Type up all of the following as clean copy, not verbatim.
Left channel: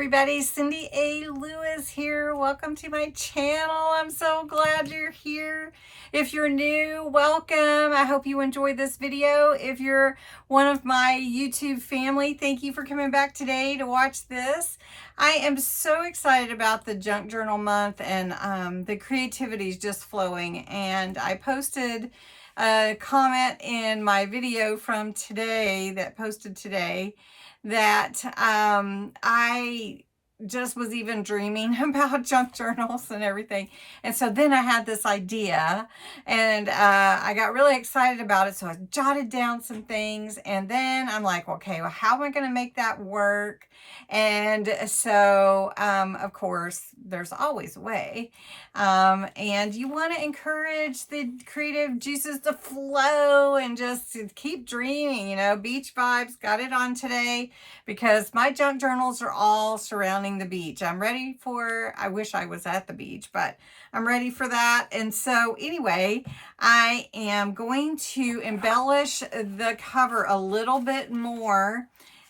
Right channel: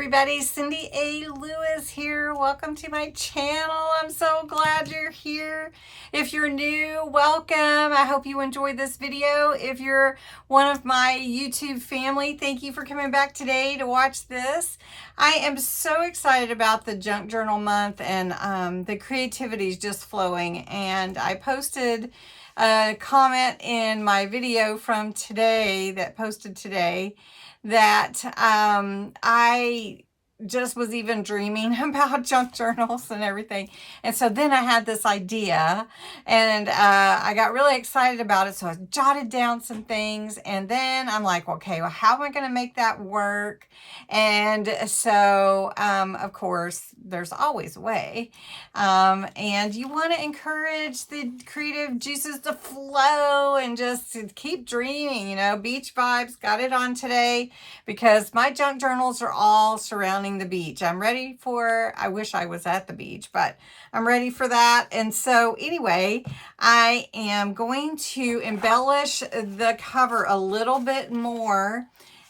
everybody, Cindy A. Lewis here. Welcome to my channel. I'm so glad you're here. If you're new, welcome. I hope you enjoyed this video. If you're one of my YouTube family, thank you for coming back today to watch this. I am so excited about the Junk Journal month, and the creativity is just flowing. And I posted a comment in my video from today that posted today that I just was even dreaming about junk journals and everything. And so then I had this idea, and I got really excited about it. So I jotted down some things, and then I'm like, okay, well, how am I going to make that work? And so, of course, there's always a way. And you want to encourage the creative juices to flow and just keep dreaming, you know. Beach vibes, got it on today because my junk journals are all surrounding the beach. I'm ready for, I wish I was at the beach, but I'm ready for that. And so anyway, I am going to embellish the cover a little bit more.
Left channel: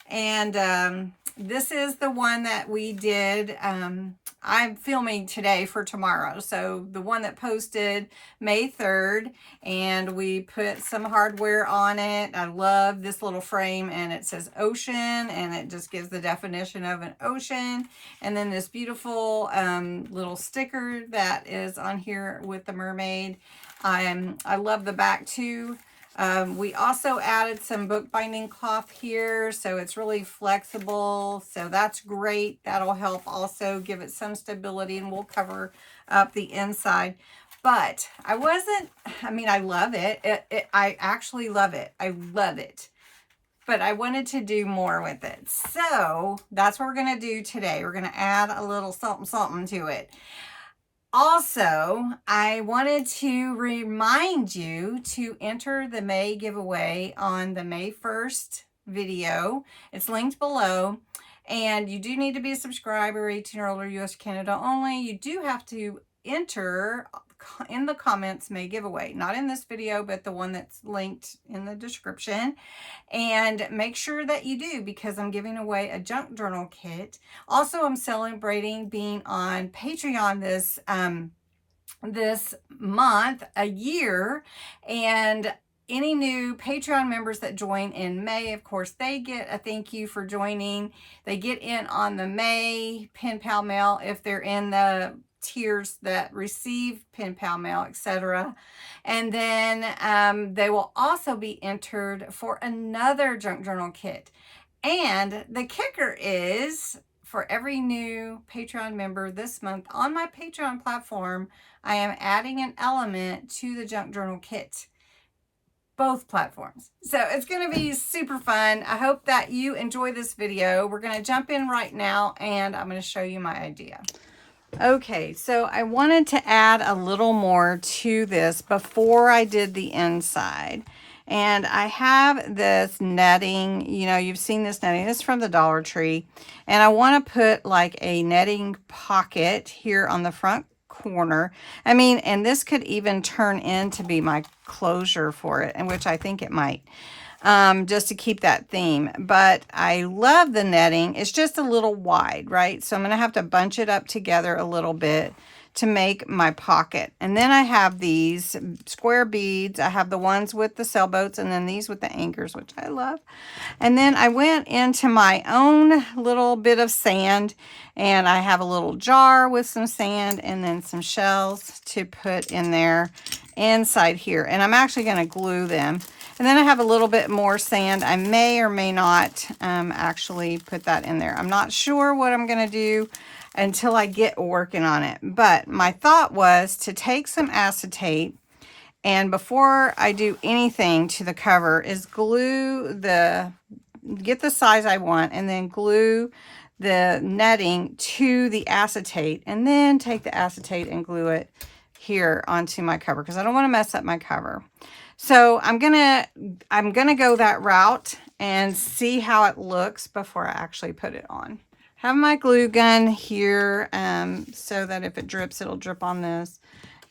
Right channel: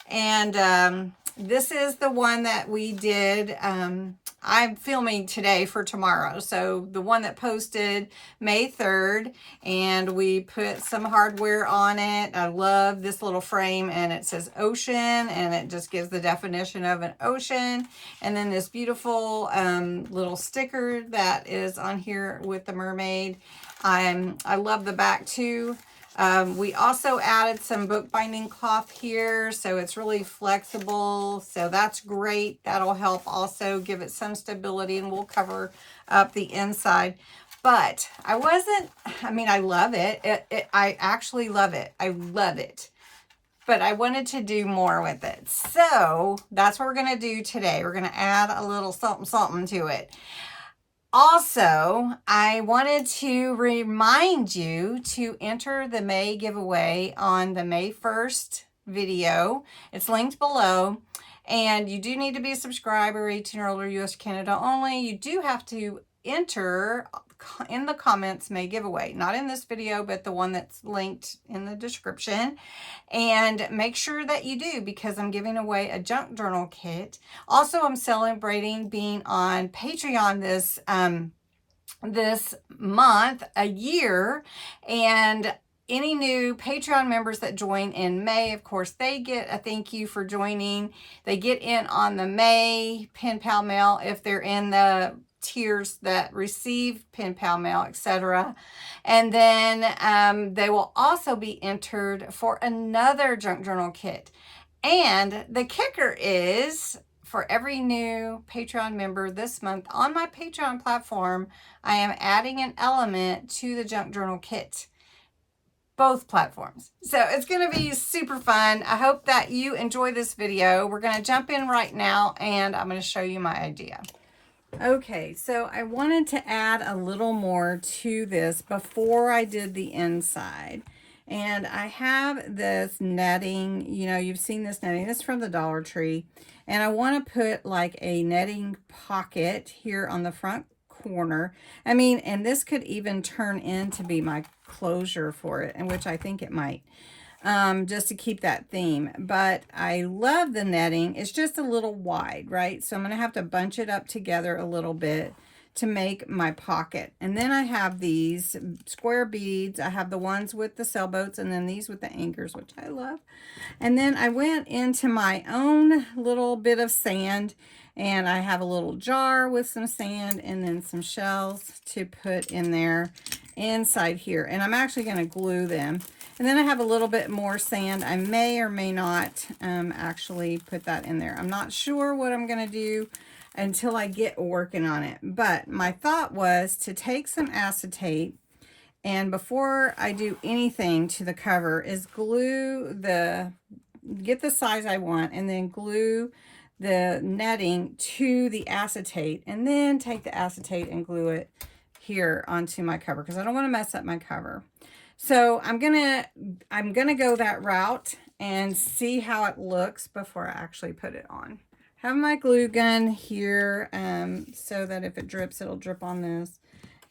And this is the one that we did. I'm filming today for tomorrow. So the one that posted May 3rd, and we put some hardware on it. I love this little frame, and it says ocean, and it just gives the definition of an ocean. And then this beautiful little sticker that is on here with the mermaid. I love the back too. We also added some bookbinding cloth here, so it's really flexible, so that's great. That'll help also give it some stability, and we'll cover up the inside. But I love it. I actually love it. I love it. But I wanted to do more with it. So that's what we're going to do today. We're going to add a little something to it. Also, I wanted to remind you to enter the May giveaway on the May 1st video. It's linked below. And you do need to be a subscriber, 18 or older, US, Canada only. You do have to enter in the comments May giveaway. Not in this video, but the one that's linked in the description. And make sure that you do, because I'm giving away a junk journal kit. Also, I'm celebrating being on Patreon this month, a year. And any new Patreon members that join in May, of course, they get a thank you for joining. They get in on the May pen pal mail if they're in the tiers that receive pen pal mail, etc. And then they will also be entered for another junk journal kit. And the kicker is, for every new Patreon member this month on my Patreon platform, I am adding an element to the junk journal kit. Both platforms. So it's going to be super fun. I hope that you enjoy this video. We're going to jump in right now, and I'm going to show you my idea. Okay, so I wanted to add a little more to this before I did the inside. And I have this netting, you know, you've seen this netting. It's from the Dollar Tree. And I want to put like a netting pocket here on the front corner. I mean, and this could even turn in to be my closure for it, and which I think it might. Just to keep that theme. But I love the netting. It's just a little wide, right? So I'm going to have to bunch it up together a little bit to make my pocket. And then I have these square beads. I have the ones with the sailboats, and then these with the anchors, which I love. And then I went into my own little bit of sand, and I have a little jar with some sand and then some shells to put in there inside here. And I'm actually going to glue them. And then I have a little bit more sand. I may or may not actually put that in there. I'm not sure what I'm going to do until I get working on it. But my thought was to take some acetate, and before I do anything to the cover is get the size I want, and then glue the netting to the acetate, and then take the acetate and glue it here onto my cover, because I don't want to mess up my cover. So I'm gonna go that route and see how it looks before I actually put it on. Have my glue gun here so that if it drips, it'll drip on this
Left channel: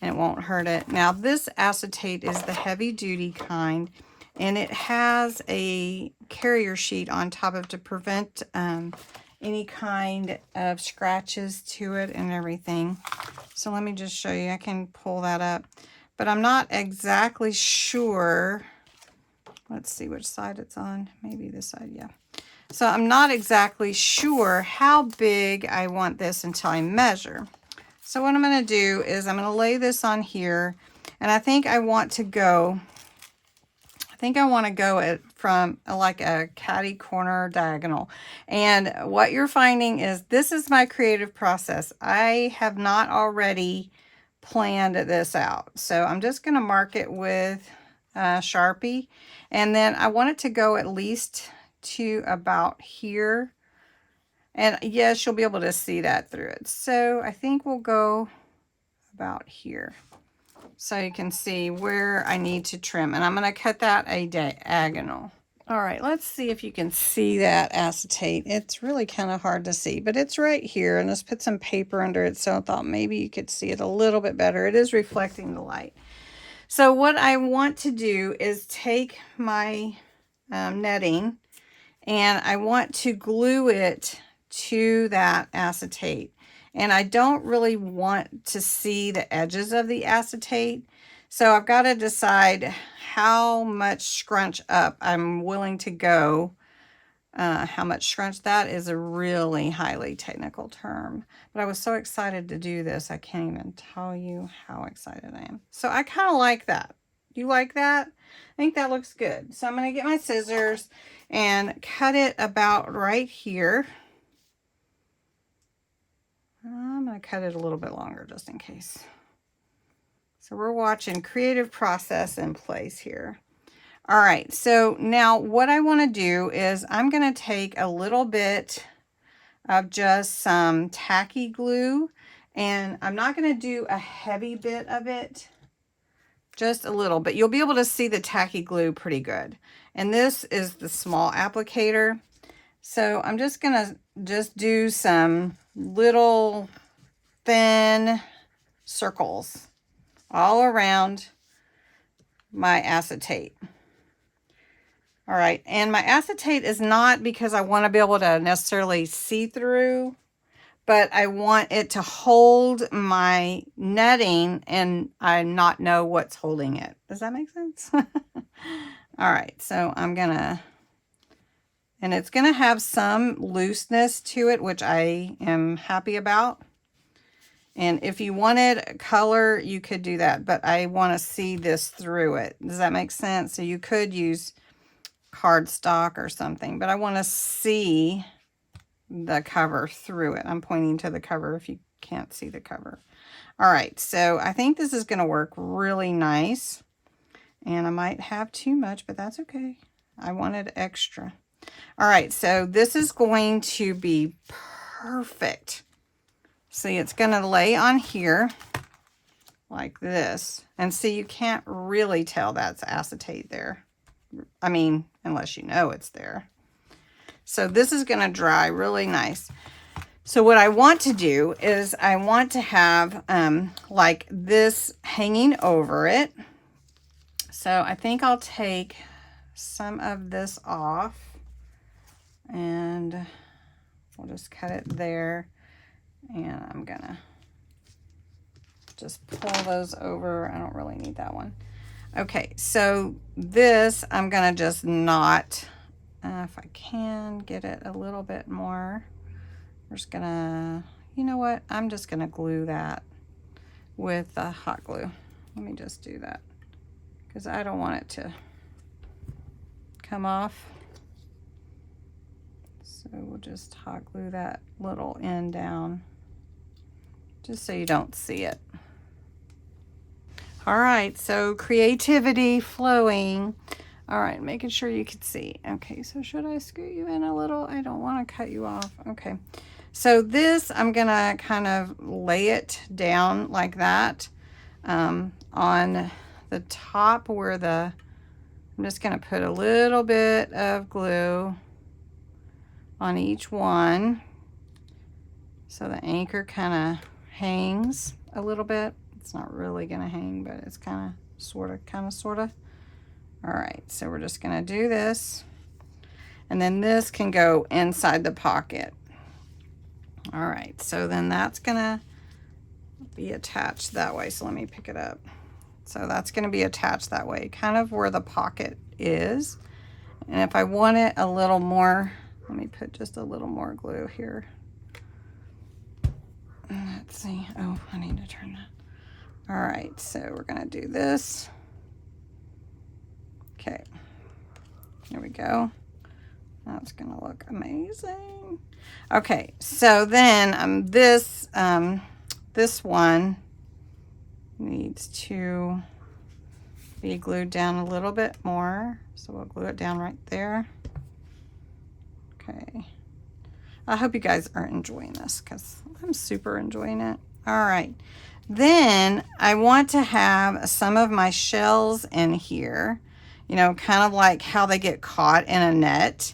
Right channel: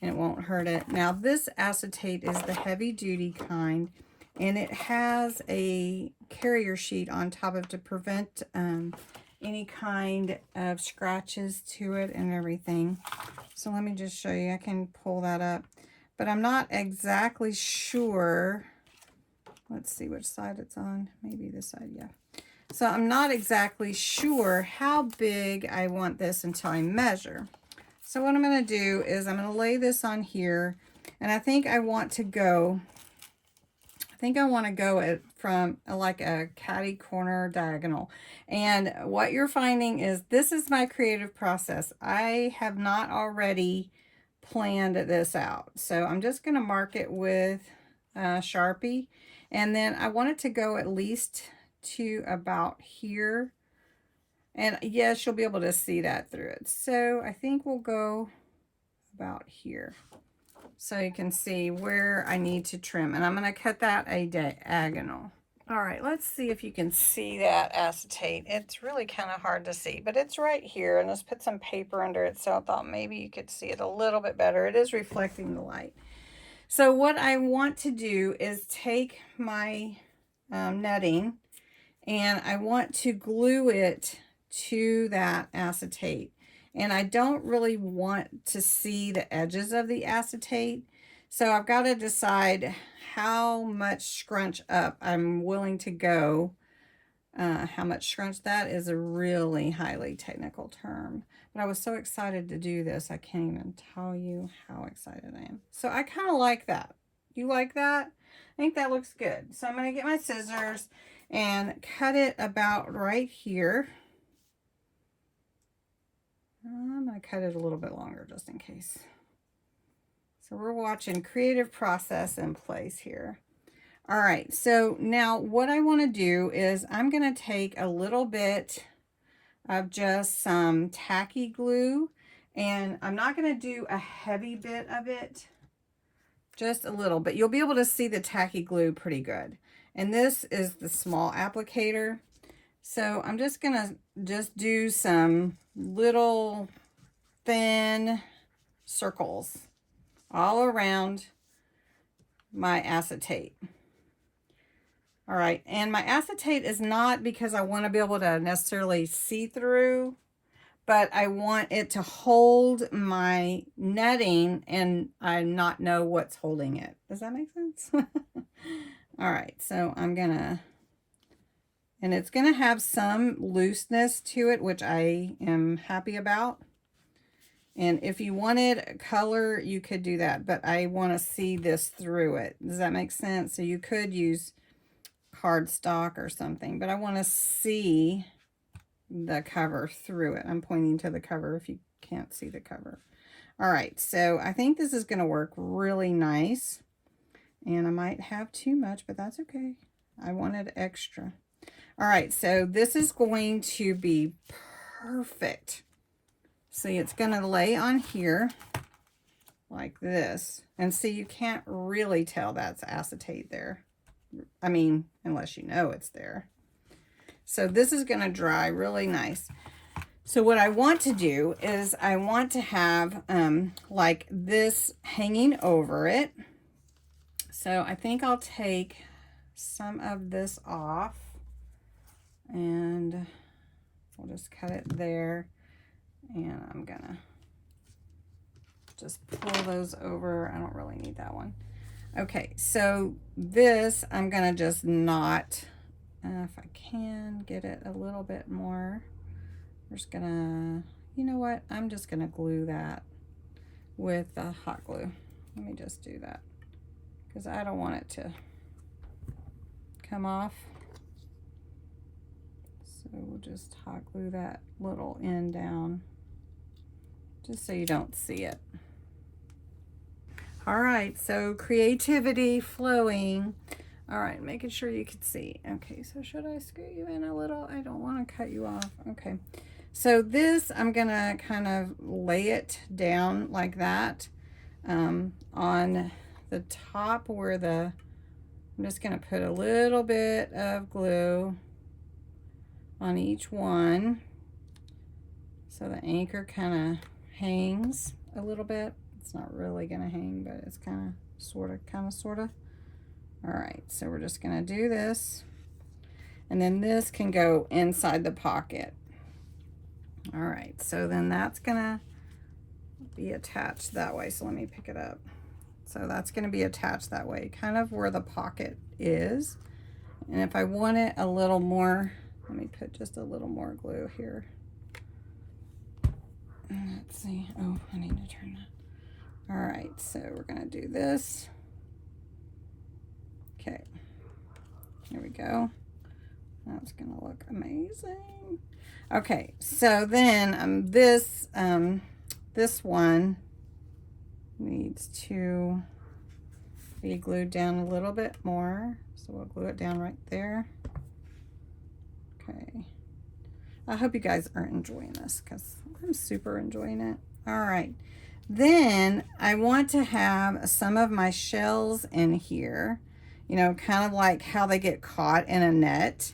and it won't hurt it. Now this acetate is the heavy duty kind, and it has a carrier sheet on top of it to prevent any kind of scratches to it and everything. So let me just show you. I can pull that up, but I'm not exactly sure. Let's see which side it's on. Maybe this side, yeah. So I'm not exactly sure how big I want this until I measure. So what I'm going to do is I'm going to lay this on here, and I think I want to go it from like a catty corner diagonal. And what you're finding is this is my creative process. I have not already planned this out. So I'm just going to mark it with Sharpie. And then I want it to go at least to about here. And yes, you'll be able to see that through it. So I think we'll go about here, so you can see where I need to trim. And I'm going to cut that a diagonal. All right, let's see if you can see that acetate. It's really kind of hard to see, but it's right here. And let's put some paper under it, so I thought maybe you could see it a little bit better. It is reflecting the light. So what I want to do is take my netting, and I want to glue it to that acetate. And I don't really want to see the edges of the acetate. So I've got to decide how much scrunch up I'm willing to go. How much scrunch, that is a really highly technical term. But I was so excited to do this, I can't even tell you how excited I am. So I kind of like that. You like that? I think that looks good. So I'm going to get my scissors and cut it about right here. I'm going to cut it a little bit longer just in case. So we're watching creative process in place here. All right, so now what I want to do is I'm going to take a little bit of just some tacky glue, and I'm not going to do a heavy bit of it, just a little, but you'll be able to see the tacky glue pretty good. And this is the small applicator. So I'm just going to do some little thin circles all around my acetate. All right, and my acetate is not because I want to be able to necessarily see through, but I want it to hold my netting and I not know what's holding it. Does that make sense? All right, so I'm gonna, and it's gonna have some looseness to it, which I am happy about. And if you wanted color, you could do that, but I want to see this through it. Does that make sense? So you could use cardstock or something, but I want to see the cover through it. I'm pointing to the cover if you can't see the cover. All right, so I think this is going to work really nice, and I might have too much, but that's okay. I wanted extra. All right, so this is going to be perfect. See, it's going to lay on here like this, and see, you can't really tell that's acetate there. I mean, unless you know it's there. So this is going to dry really nice. So what I want to do is I want to have like this hanging over it. So I think I'll take some of this off, and we'll just cut it there. And I'm going to just pull those over. I don't really need that one. Okay, so this, I'm going to just knot, if I can get it a little bit more. We're just going to, you know what, I'm just going to glue that with hot glue. Let me just do that, because I don't want it to come off. So we'll just hot glue that little end down, just so you don't see it. All right, so creativity flowing. All right, making sure you can see. Okay, so should I scoot you in a little? I don't want to cut you off. Okay, so this, I'm gonna kind of lay it down like that on the top where I'm just gonna put a little bit of glue on each one, so the anchor kind of hangs a little bit. It's not really going to hang, but it's kind of, sort of. All right, so we're just going to do this. And then this can go inside the pocket. All right, so then that's gonna be attached that way. So let me pick it up. So that's gonna be attached that way, kind of where the pocket is. And if I want it a little more, let me put just a little more glue here. Let's see. Oh, I need to turn that. All right, so we're gonna do this. Okay, there we go. That's gonna look amazing. Okay, so then this one needs to be glued down a little bit more. So we'll glue it down right there. Okay. I hope you guys are enjoying this because I'm super enjoying it. All right. Then I want to have some of my shells in here, you know, kind of like how they get caught in a net,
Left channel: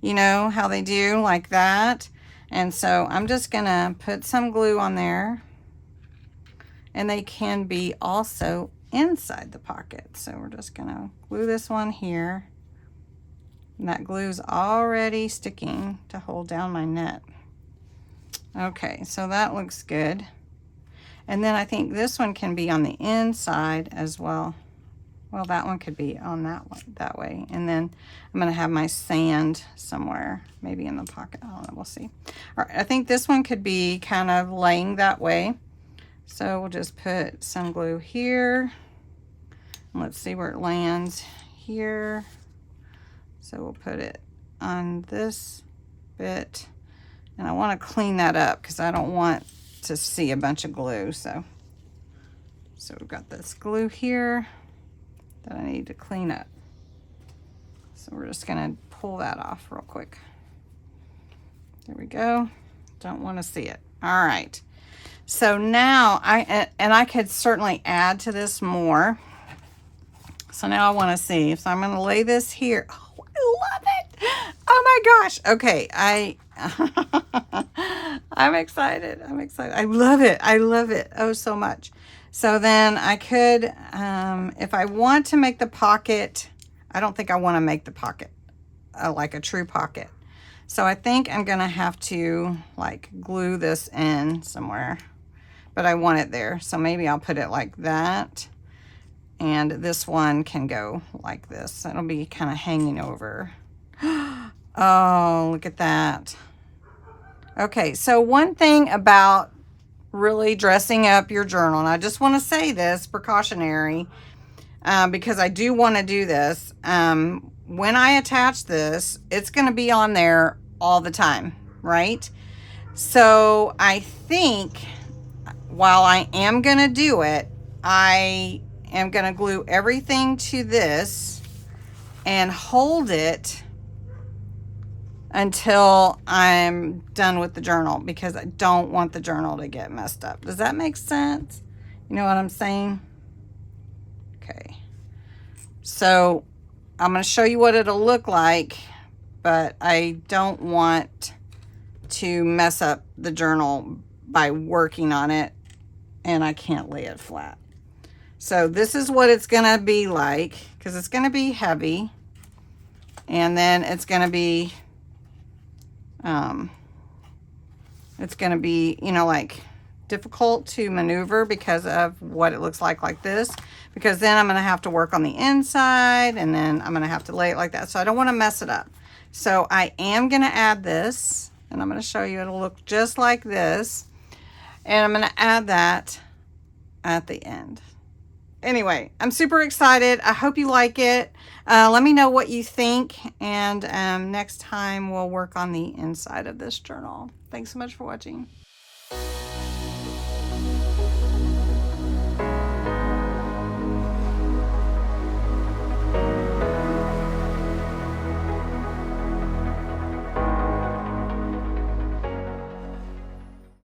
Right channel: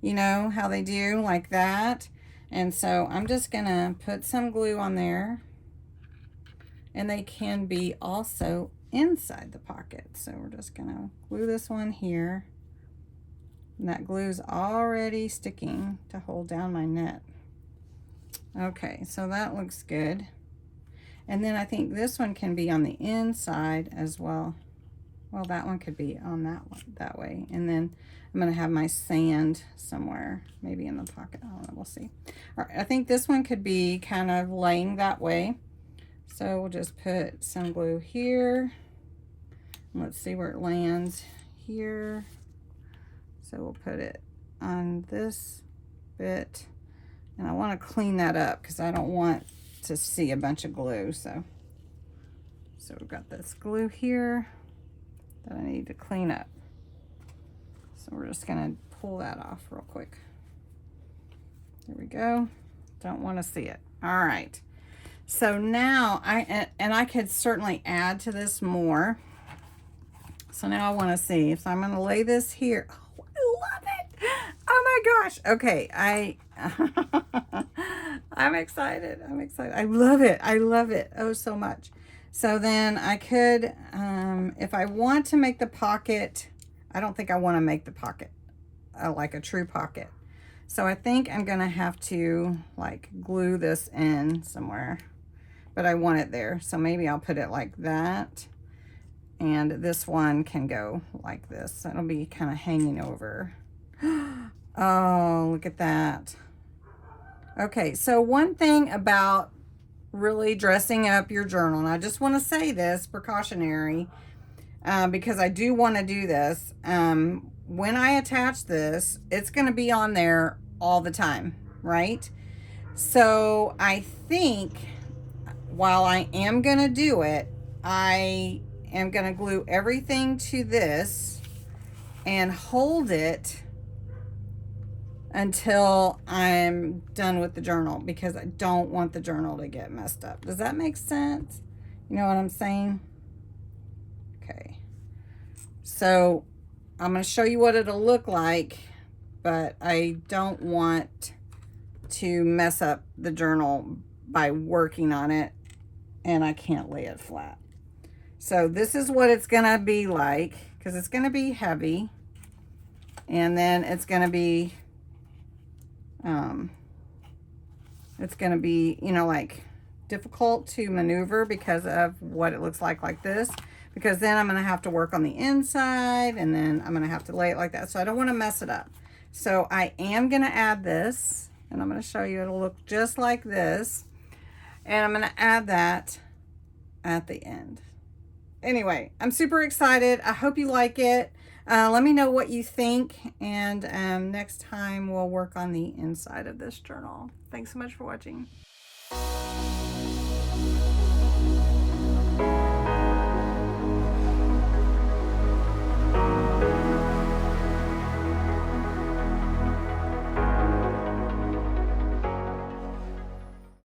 you know, how they do like that. And so I'm just gonna put some glue on there, and they can be also inside the pocket. So we're just gonna glue this one here. And that glue's already sticking to hold down my net. Okay, so that looks good. And then I think this one can be on the inside as well. Well, that one could be on that one, that way. And then I'm gonna have my sand somewhere, maybe in the pocket. I don't know, we'll see. All right, I think this one could be kind of laying that way. So we'll just put some glue here. Let's see where it lands here. So we'll put it on this bit. And I want to clean that up because I don't want to see a bunch of glue. So we've got this glue here that I need to clean up. So we're just going to pull that off real quick. There we go. Don't want to see it. All right. So now I could certainly add to this more. So now I want to see. So I'm going to lay this here. Oh, I love it. Oh my gosh. Okay. I'm excited. I'm excited. I love it. I love it. Oh, so much. So then I could, if I want to make the pocket, I don't think I want to make the pocket like a true pocket. So I think I'm going to have to like glue this in somewhere, but I want it there. So maybe I'll put it like that. And this one can go like this. It'll be kind of hanging over. Oh, look at that. Okay, so one thing about really dressing up your journal, and I just want to say this precautionary, because I do want to do this. When I attach this, it's going to be on there all the time, right? So I think while I am going to do it, I am going to glue everything to this and hold it until I'm done with the journal, because I don't want the journal to get messed up. Does that make sense? You know what I'm saying? Okay. So I'm going to show you what it'll look like, but I don't want to mess up the journal by working on it, and I can't lay it flat. So this is what it's going to be like, because it's going to be heavy, and then it's going to be you know, like difficult to maneuver because of what it looks like this, because then I'm going to have to work on the inside, and then I'm going to have to lay it like that. So I don't want to mess it up. So I am going to add this, and I'm going to show you it'll look just like this, and I'm going to add that at the end. Anyway, I'm super excited. I hope you like it. Let me know what you think, and next time we'll work on the inside of this journal. Thanks so much for watching.